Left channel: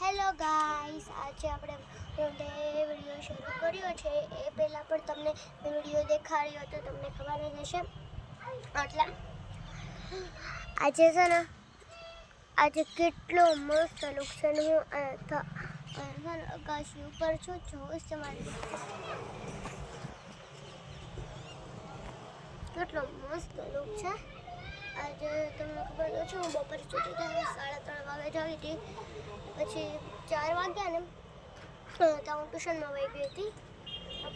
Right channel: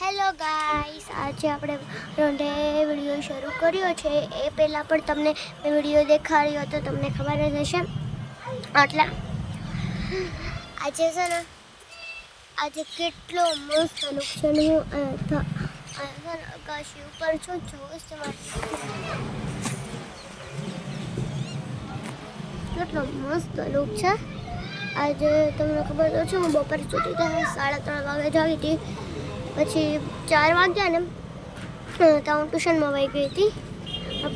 Hello guys, આજે આપણે રોંઢે video શરૂ કર્યો છે. એ પહેલાં પણ તમને મેં વિડીયો દેખાડ્યો હતો, તમને ખબર જ હશે. એટલે આજે છે ને, આજે કેટલો મસ્ત લુક છે ને. હું આકાશી ઉપર છું, જોશ તમારી કેટલો મસ્ત લુક છે. આજે તમને ખબર તો છે, હું બપોર સુધી 3:30 વાગે જાગી હતી. પછી 4 વાગ્યા ને તો હું ટ્યુશનમાં વહી ગઈ હતી.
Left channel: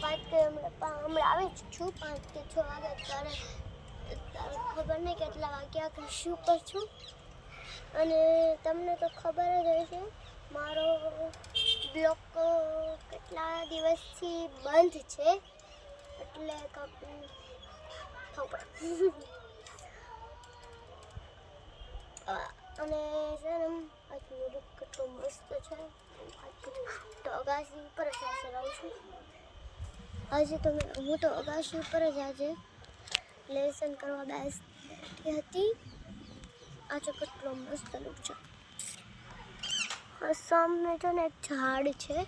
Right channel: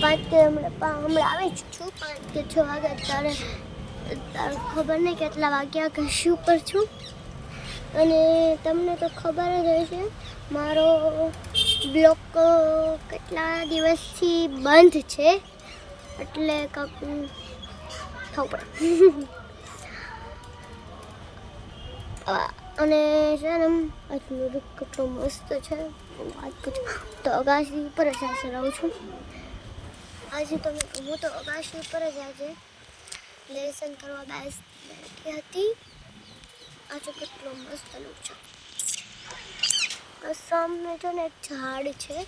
5 કે હમણાં આવી જ છું. 5 કે 6 વાગ્યા ત્યારે ખબર નહીં કેટલા વાગ્યા આકાશી ઉપર છું. અને તમને તો ખબર જ હશે, મારો બ્લોગ કેટલા દિવસથી બંધ છે, એટલે ખબર અને છે ને આજનો લુક કેટલો મસ્ત છે. વાત પૂછો તો અગાશી ઉપર જ આજે રહું છું. આજે હું તો અગાશી ઉપર જ આજે લેસન કરવા બેઠી હતી. આજે કેટલો મસ્ત લુક છે. સામે જો ને એક ઝાડ છે,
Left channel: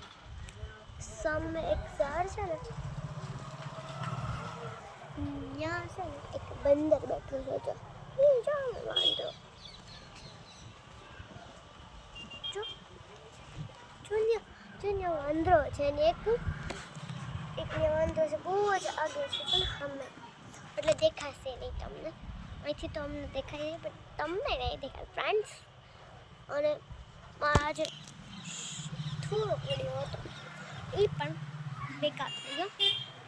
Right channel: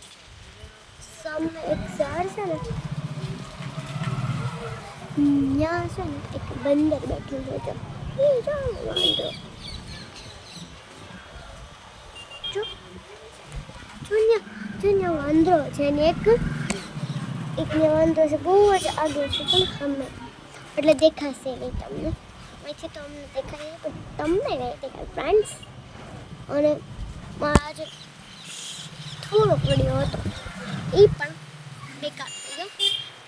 સામે એક ઝાડ છે ને, ત્યાં છે ને એક બંદર બેઠું છે. વાંદરો જો વાંદરો છે ને, એક ને વાંદરો છે, બહુ જ આગળ છે, પણ સામે એટલે દેખાશે નહીં તમને. અહીંથી તો અમને દેખાય, પણ તમને નહીં દેખાય ફ્રેન્ડ્સ. અને મારા આજે થોડોક વિડીયો હતો, એ પણ બેકાર થઈ ગયો.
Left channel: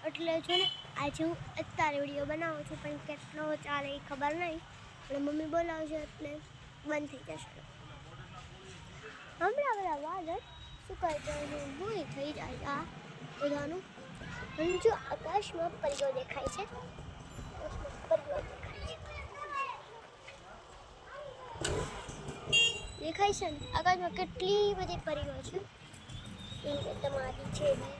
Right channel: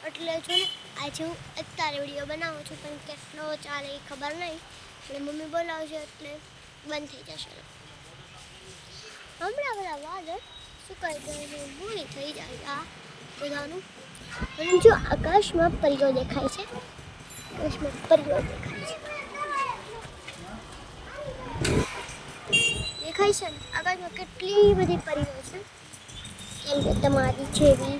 એટલે જો ને આજે હું અત્યારે વિડીયો બનાવું છું, પણ કેટલો ચાલે એ ખબર નહીં. એટલે મમ્મી બોલાવશે એટલે બંધ થઈ જશે. હમણાં બધા વાદળ સુકાઈ જાય, ભૂણી થઈ જાય આ બધાનું. અને જો આકાશમાં પરીઓ દેખાય છે, આકાશમાં પરીઓ દેખાય છે ને. આકાશમાં કેટલી બધી પરીઓ છે, કેમ કે તમારી જેવી.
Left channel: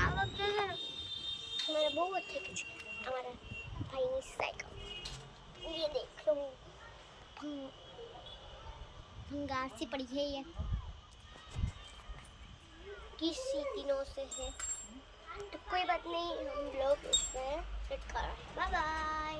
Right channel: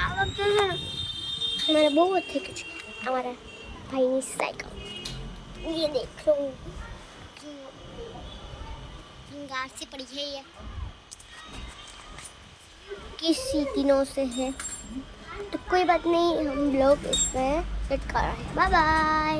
આ વખતે છે ને મારે બહુ જ થઈ ગયું છે. અમારા ભાઈની સાયકલ ये देख लो, गार से पड़ी है ये, किसी दिनों से है, तो कोई बात नहीं, हम लोग इसमें सेट कर रहे हैं. Bye bye.